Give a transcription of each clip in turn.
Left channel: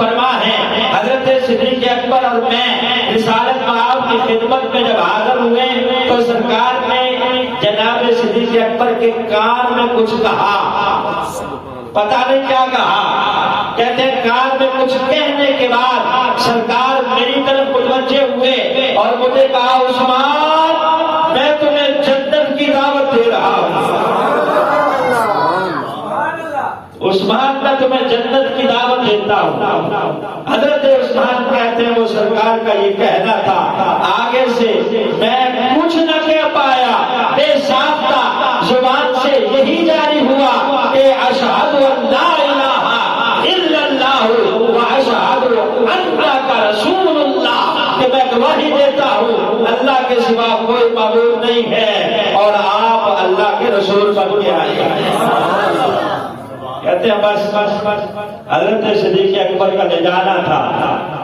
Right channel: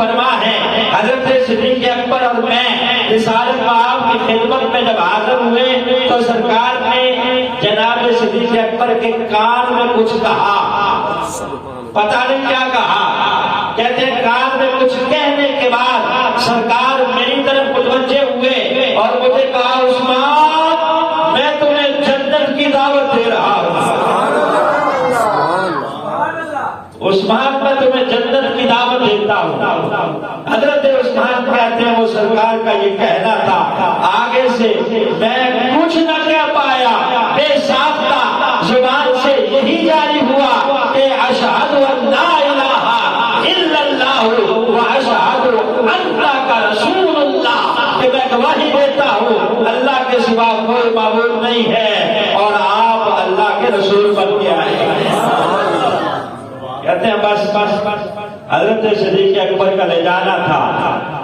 فرما ہے حضرت صدیق اکبر اور میں رسالت آپ کی خدمت میں جب حاضر ہوئے تو سرکار نے جناب صدیق اکبر کے کان میں کچھ کہا، پتہ نہیں کیا کہا، کہتے ہیں کان میں کچھ کہنے کے بعد سرکار میری طرف متوجہ ہوئے اور مجھے کہا عثمان میں تمہیں جنت کی دعوت دے رہا ہوں، عثمان میں تمہیں جنت کی دعوت دیتا ہوں۔ حضرت عثمان کہتے ہیں وہ سرکار کا یہ کہنا تھا، آگے سے میں کچھ نہ کہہ پایا، بے ساختہ زبان سے یہی جاری ہوا کہ اشہد ان لا الہ الا اللہ واشہد انک رسول اللہ، کہ میں گواہی دیتا ہوں اللہ کے سوا کوئی معبود نہیں ہے اور آپ اللہ کے رسول بن کے آئے ہیں۔ کہتے ہیں بس حضرت صدیق اکبر کا لے جانا تھا،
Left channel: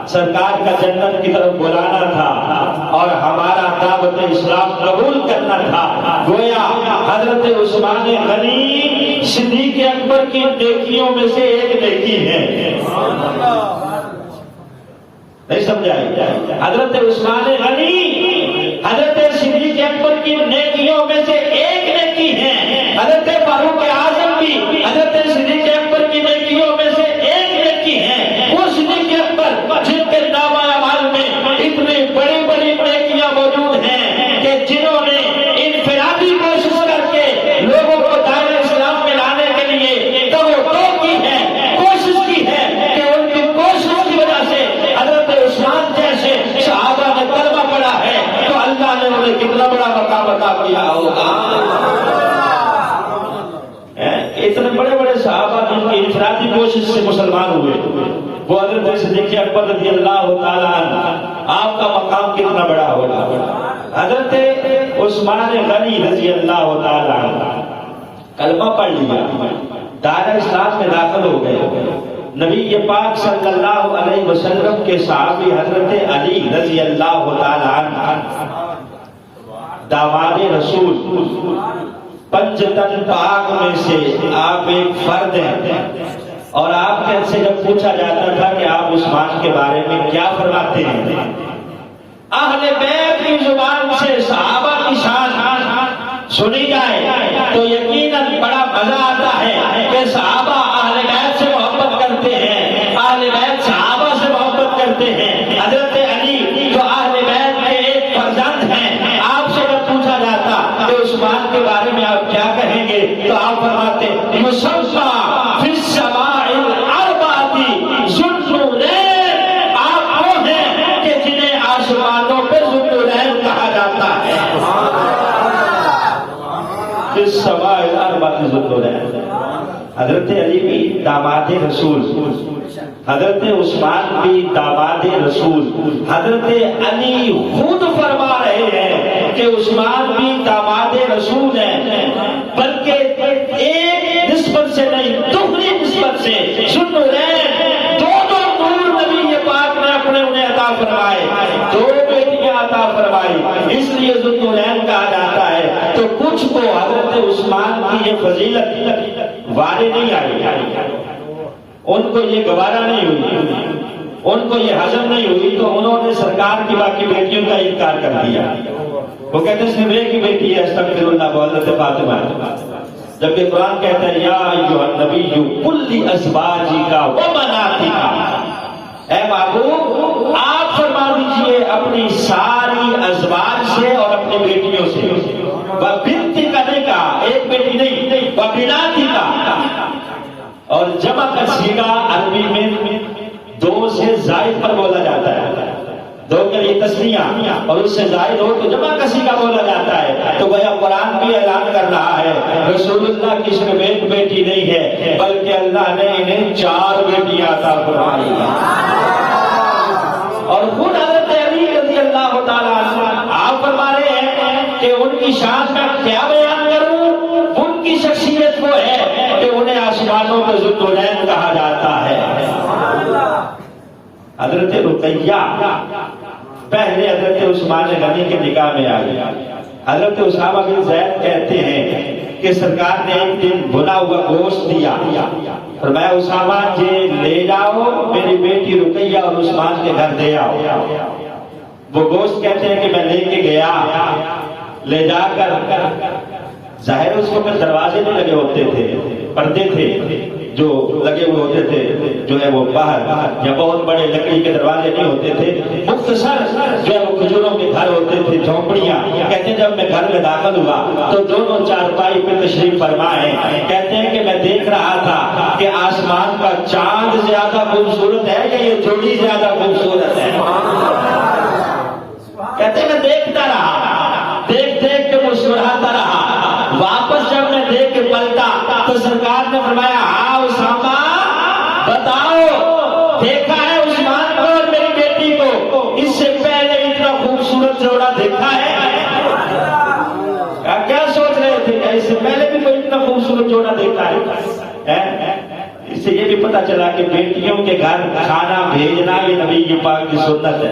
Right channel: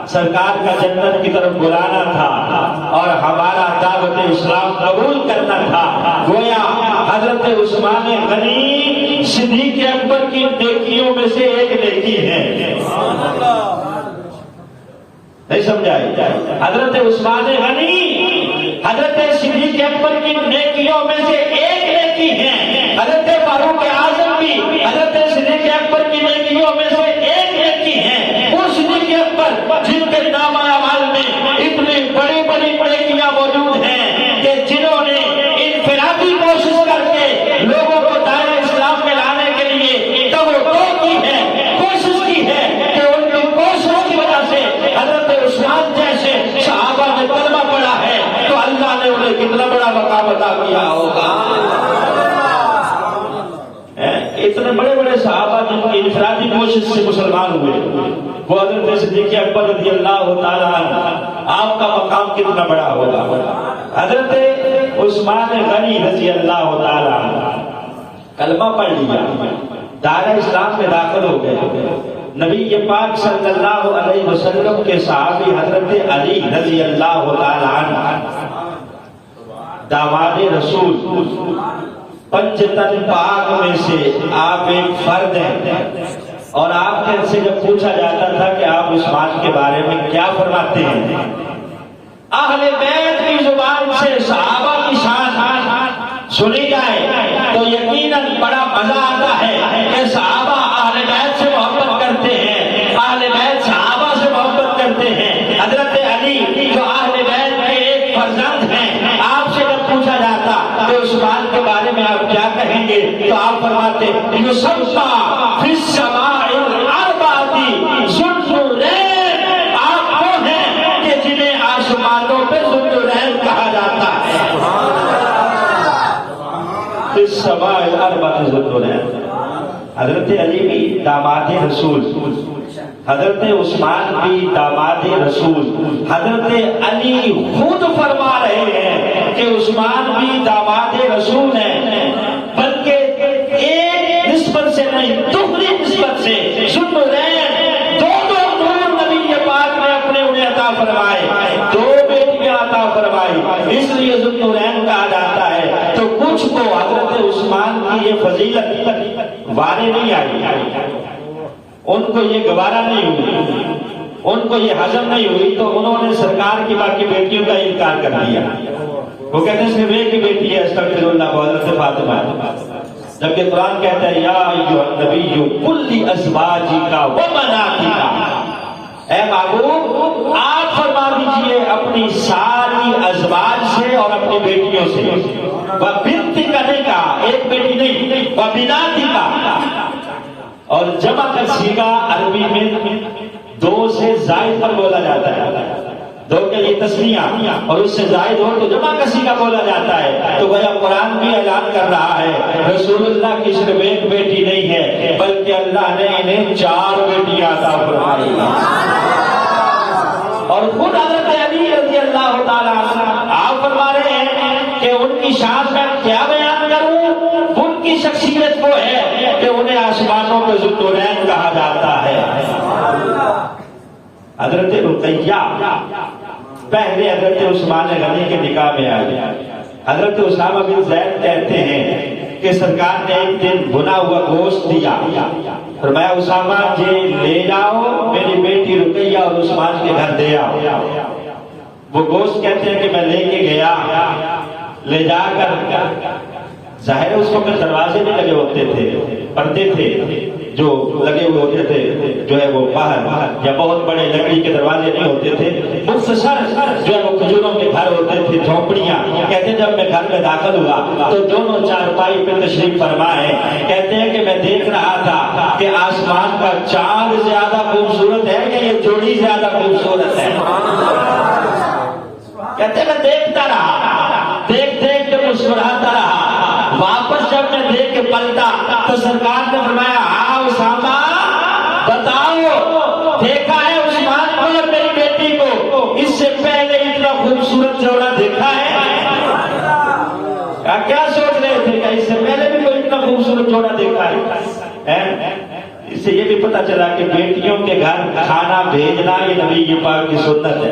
سرکار کا جنت کی طرف بلانا تھا اور ہمارا دعوت اسلام قبول کرنا تھا۔ گویا حضرت عثمان غنی صدیق اکبر کی نیکیوں میں سے ایک نیکی ہے، نہیں سمجھائی؟ حضرت عثمان غنی حضرت صدیق اکبر کی نیکیوں میں سے ایک نیکی ہے۔ حضرت فاروق اعظم بھی حضرت صدیق اکبر کی نیکیوں میں سے ایک نیکی ہے۔ وہ صدیق اکبر جن کے نامہ اعمال میں اتنی بڑی بڑی نیکیاں موجود ہیں کہ جنہوں نے انفرادی کوشش کر کے لوگوں کو دائرہ اسلام میں لانے کے لیے توقع کی ہے، کوشش کی ہے، کہ ان کی کوشش کی وجہ سے حضرت عثمان جیسے صحابہ نے کلمہ پڑھا ہے تو اللہ نے انہیں کتنا بڑا مقام عطا کیا ہوگا۔ اتنے بڑے بڑے صحابہ جن کی انفرادی کوشش سے مسلمان ہوئے، وہ حضرت صدیق اکبر رضی اللہ تعالیٰ عنہ، آپ کا مقام کتنا بڑا ہوگا۔ حضرت عثمان غنی رضی اللہ تعالیٰ عنہ کلمہ پڑھ لیا، دائرہ اسلام میں داخل ہو گئے، نبی پاک صلی اللہ علیہ وسلم کے صحابی حضرت علی رضی اللہ تعالیٰ عنہ داماد رسول، پنج تن پاک میں سے آپ ایک فرد ہیں، اور آپ سے جب پوچھا جاتا تھا کہ آپ عثمان کے بارے میں کیا فرماتے ہیں، اہل بیت کی زبان سے صحابہ کی شان سنی جائے تو یقیناً بڑا مزہ آتا ہے کہ صحابہ اہل بیت سے محبت کرتے ہیں، اہل بیت صحابہ سے محبت کرتے ہیں۔ حضرت علی جو اہل بیت کے ایک فرزند ہیں، آپ سے جب پوچھا جاتا کہ عثمان کے بارے میں آپ کیا کہیں گے تو آپ فرماتے یصبح فی السماء الاربعۃ ذو النورین، آپ وہ ہیں کہ جنہیں آسمانوں پہ ذو النورین کہا جاتا ہے۔ فی السماء الاربعۃ ذو النورین۔ حضرت علی بھی داماد رسول، حضرت عثمان بھی داماد رسول، حضرت علی خود فرما رہے ہیں کہ عثمان بھی داماد رسول ہیں، بلکہ ایک نسبت سے نہیں دوسری نسبت سے ذوالنورین، دو نور نبی پاک نے اپنے انہیں عطا فرمائے، دو بیٹیاں عطا فرمائی، اس لیے ذوالنورین کہا جاتا ہے۔ تو کچھ کو حضرت عثمان کی یہ فضیلت وارے نہیں آئی، ان کو یہ گوارا نہیں ہوئی، ان کو یہ ہضم نہیں ہوئی، تو انہوں نے سرکار کی باقی بیٹیوں کا انکار کر دیا۔ وہ کہتے ہیں صرف ایک ہی بیٹی ہے استغفر اللہ، وہ حضرت فاطمہ، جبکہ قرآن کہتا ہے یا ایھا النبی قل لازواجک وبناتک، اے محبوب آپ فرما دیجئے اپنی ساری ازواج سے اور اپنی بیٹیوں سے، وبنتک نہیں کہا، ایک بیٹی نہیں، وبناتک، اور جمع کا صیغہ عربی میں دو سے زائد پر بولا جاتا ہے، دو کے لیے تسنیہ اور اس سے زائد ہو تو جمع کا صیغہ بولا جاتا ہے۔ تو گویا قرآن بھی اعلان کر رہا ہے رسول اللہ کی صرف ایک بیٹی نہیں ہے بلکہ اللہ نے انہیں 4 بیٹیاں عطا فرمائی، اور خود حضرت علی رضی اللہ تعالیٰ عنہ آپ فرما رہے ہیں کہ ان کی شان کا کیا بیان کروں، ان کی شخصیت وہ ہے کہ انہیں آسمانوں میں ذوالنورین کہا جاتا ہے۔ حضرت رقیہ پہلے حضرت عثمان غنی کے نکاح میں آئی، حضرت اسامہ بن زید کہتے ہیں کہ سرکار نے ایک دن بھنا ہوا گوشت دیا، فرمایا اسامہ جی لے جاؤ میری بیٹی رقیہ اور عثمان کے گھر دے آؤ. وہ گوشت کہتے ہیں کہ میں لے کے گیا, لے جا کر ظاہر اس وقت دروازے میں لگے ہوتے تھے, پردے تھے جو لگے ہوئے ہوتے تھے, جو ہے وہ باہر یا بہت بڑے لکڑی کے دروازے نہیں ہوتے تھے, مختصر جو ہے وہ کھجوروں کے گھر ہوتے تھے, جھونپڑیاں. کہتے ہیں جب میں گھر میں داخل ہوا تو دونوں چارپائی پہ تشریف فرما ہے. کہتے ہیں کہ میں دیکھ رہا تھا کہ آسمان کا چاند زیادہ خوبصورت ہے کہ یہ جوڑی زیادہ خوبصورت ہے. کہتے ہیں میں دیکھتا رہا, دیکھ دیکھ کے مسکراتا رہا. واپس جب میں دیکھ کے پلٹا تو سرکار نے فرمایا ہاں اسامہ بتاؤ دیکھا ہے عثمان کو اور میری بیٹی کو, اس سے پہلے اتنا خوبصورت جوڑا دیکھا ہے؟ کیا سوچ رہے تھے کہ اس سے پہلے بھی کوئی اتنا خوبصورت جوڑا دیکھا ہے؟ اس سے یہ بھی پتا چلا کہ بیٹیوں کے گھر کھانا بھیجنا یہ نبی کی پاک کی سنت ہے,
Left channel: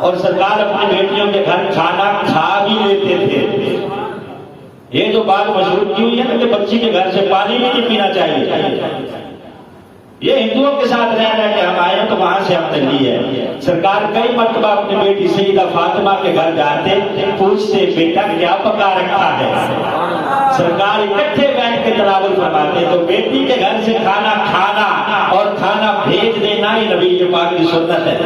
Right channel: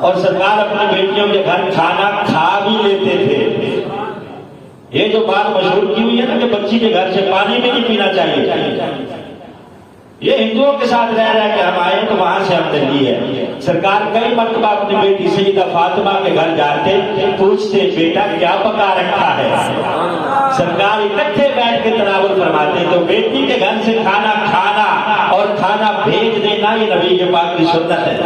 اور سرکار اپنی بیٹیوں کے گھر کھانا کھا بھی لیتے تھے. یہ جو بات مشہور کی ہوئی ہے نا کہ بچی کے گھر سے پانی بھی نہیں پینا چاہیے, یہ ہندوؤں کے ساتھ رہ رہا ہے کہ ہم آئے تو وہاں سے ہم نے لی ہے. سرکار کئی مرتبہ اپنی بیٹی سیدہ فاطمہ کے گھر جاتے, پوچھتے بیٹا کیا پکا رکھا ہے. سرکار اکٹھے بیٹھ کے تناول فرماتے. تو بیٹی کے گھر سے کھانا کھانا اور کھانا بھیج دینا یہ نبی کے پاک کی سنت ہے.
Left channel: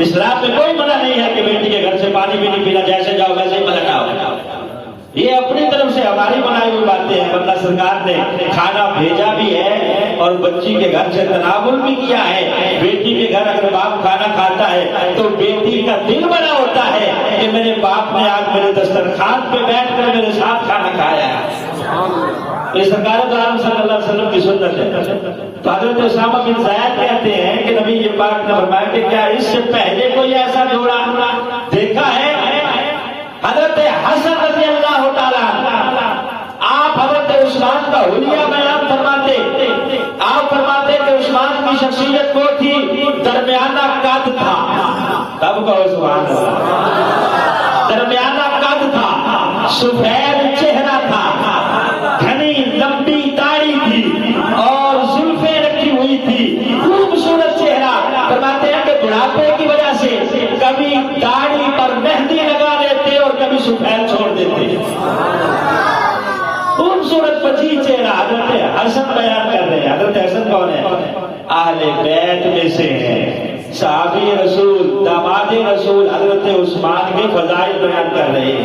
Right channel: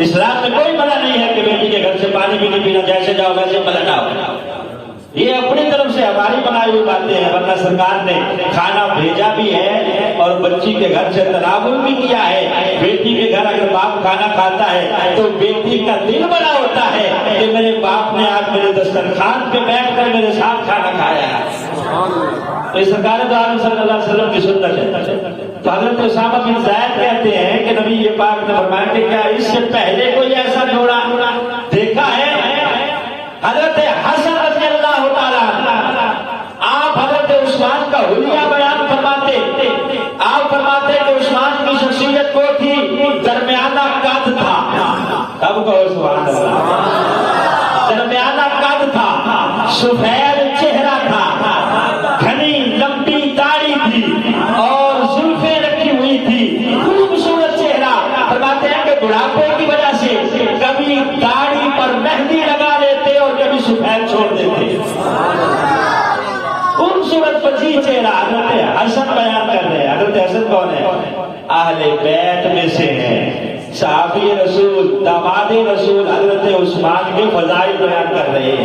اسلام میں کوئی منع نہیں ہے کہ بیٹی کے گھر سے پانی بھی نہیں پینا, جیسے جاؤ ویسے پلٹ آؤ. یہ اپنی طرف سے ہماری بنائی ہوئی باتیں ہیں, ورنہ سرکار نے کھانا بھیجا بھی ہے اور بچی کے گھر سے تناول بھی کیا ہے. بیٹی کے گھر اگر باپ کھانا کھاتا ہے تو بیٹی کا دل بنا ہوتا ہے کہ میرے باپ نے آج میرے دسترخوان پہ بیٹھ کر میرے ساتھ کھانا کھایا ہے. یہ سرکار دو عالم صلی اللہ علیہ وسلم کی سنت ہے. تو حضرت اسامہ بن زید کہتے ہیں کہ نبی یہ پاک نے فرمایا کہ کیا اس سے پہلے کوئی ایسا جوڑا دیکھا ہے؟ حضرت حسن رضی اللہ تعالیٰ آپ حضرت عثمان کا حلیہ بیان فرماتے. آپ فرماتے کہ عثمان کی شخصیت کو تھی درمیانہ قد تھا. تب کہو سبحان اللہ. درمیانہ قد تھا, سفید چہرہ تھا, گھنی لمبی داڑھی تھی اور زلفیں رکھی ہوئی تھی, خوبصورت چہرہ. فرماتے ہیں کہ بڑھاپے کی وجہ سے کبھی داڑھی پر مہندی لگا لیتے اور کبھی سفید چھوڑ دیتے. خوبصورت پچی چہرہ حضرت حسن بیان کر رہے ہیں. حضرت حسن کون ہے؟ اہل بیت میں سے ہیں, صحابی رسول, داماد رسول حضرت عثمان کے فضائل بیان کر رہے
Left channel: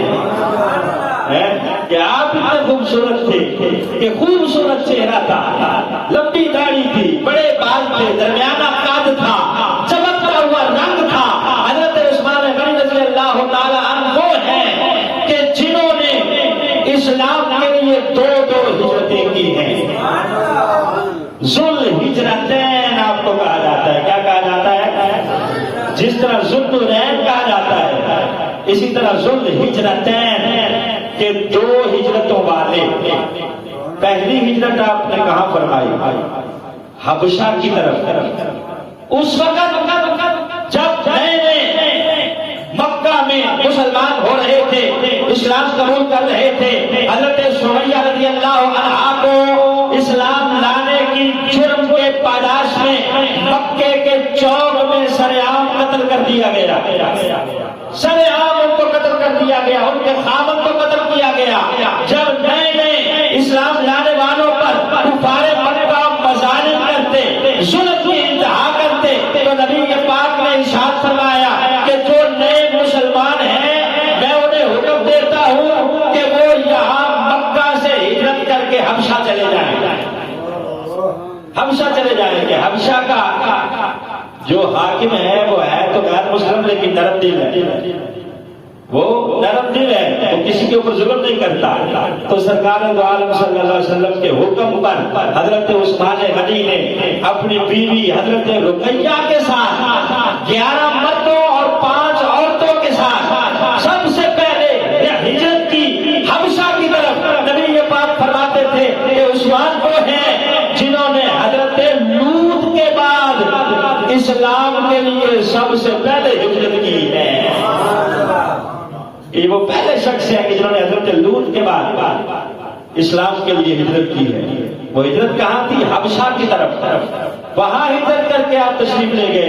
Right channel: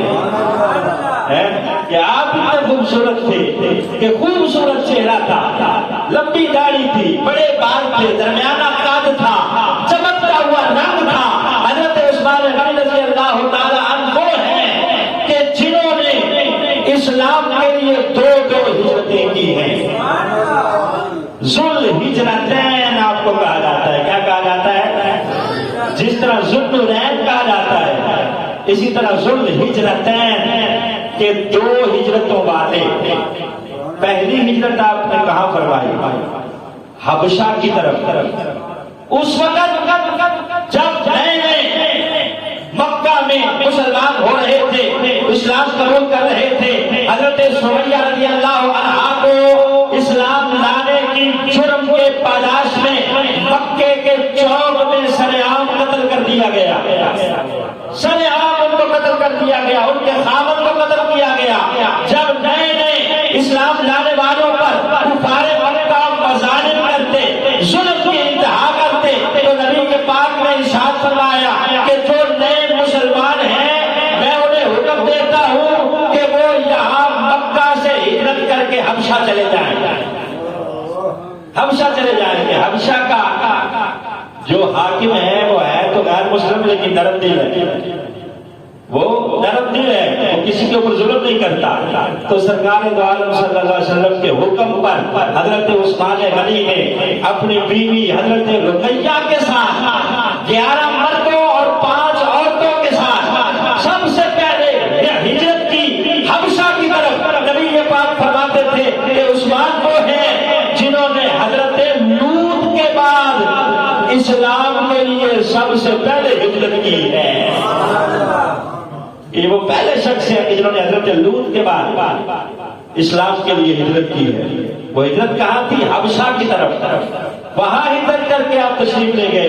ہیں کہ آپ اتنے خوبصورت تھے کہ خوبصورت چہرہ تھا, لمبی داڑھی تھی, بڑے بال تھے, درمیانہ قد تھا, چمکتا ہوا رنگ تھا. حضرت عثمان غنی رضی اللہ تعالیٰ عنہ وہ ہیں کہ جنہوں نے اسلام کے لیے دو ہجرتیں کی ہیں. ذل ہجرتین آپ کو کہا جاتا ہے. کیا کہا جاتا ہے؟ جس طرح ذوالنورین کہا جاتا ہے, اسی طرح ذل ہجرتین کے دو ہجرتوں والے. پہلی ہجرت آپ نے کہاں فرمائی؟ حبشہ کی طرف. اس وقت جب مکہ میں مسلمان ہو رہے تھے, اسلام قبول کر رہے تھے, حضرت سمیہ رضی اللہ عنہا کو اسلام لانے کی جرم کے پاداش میں مکے کے چوک میں سرعام قتل کر دیا گیا. سرعام ان کو قتل کر دیا گیا, ان کے خامن کو قتل کیا گیا. جب نئے اسلام لانے والوں پر کفار مکہ مظالم کرتے, ظلم کی انتہا کرتے, تو نبی کے پاک نے ارشاد فرمایا کہ جو نئے مسلمان ہیں میں انہیں حکم دیتا ہوں کہ وہ یہاں مکہ سے ہجرت کر کے حبشہ چلے جائیں. حبشہ چلے جائیں گے. حبشہ کا جو حاکم ہے وہ ہے تو غیر مسلم لیکن نرم دل ہے. وہ نرم دل ہے, وہ کسی کے اوپر ظلم نہیں کرتا. تو سرکار دو عالم صلی اللہ علیہ وسلم کے حکم پر حضرت عثمان غنی نے اپنی بیوی حضرت رقیہ کے ساتھ 11 مردوں اور 5 عورتوں کے ساتھ سب سے پہلے ہجرت کی حبشہ کی طرف. نبی یہ بات فرماتے تھے کہ عثمان وہ ہیں جنہوں نے حضرت لوط کے بعد اسلام کے لیے سب سے پہلے ہجرت کی ہے. یہ وہ پہلے شخص ہیں کہ جنہوں نے حضرت لوط کے بعد اسلام کے لیے ہجرت کی ہے. وہ ہجرت کہاں تھی؟ حبشہ کی طرف، وہاں ہجرت کر کے آپ تشریف لے گئے۔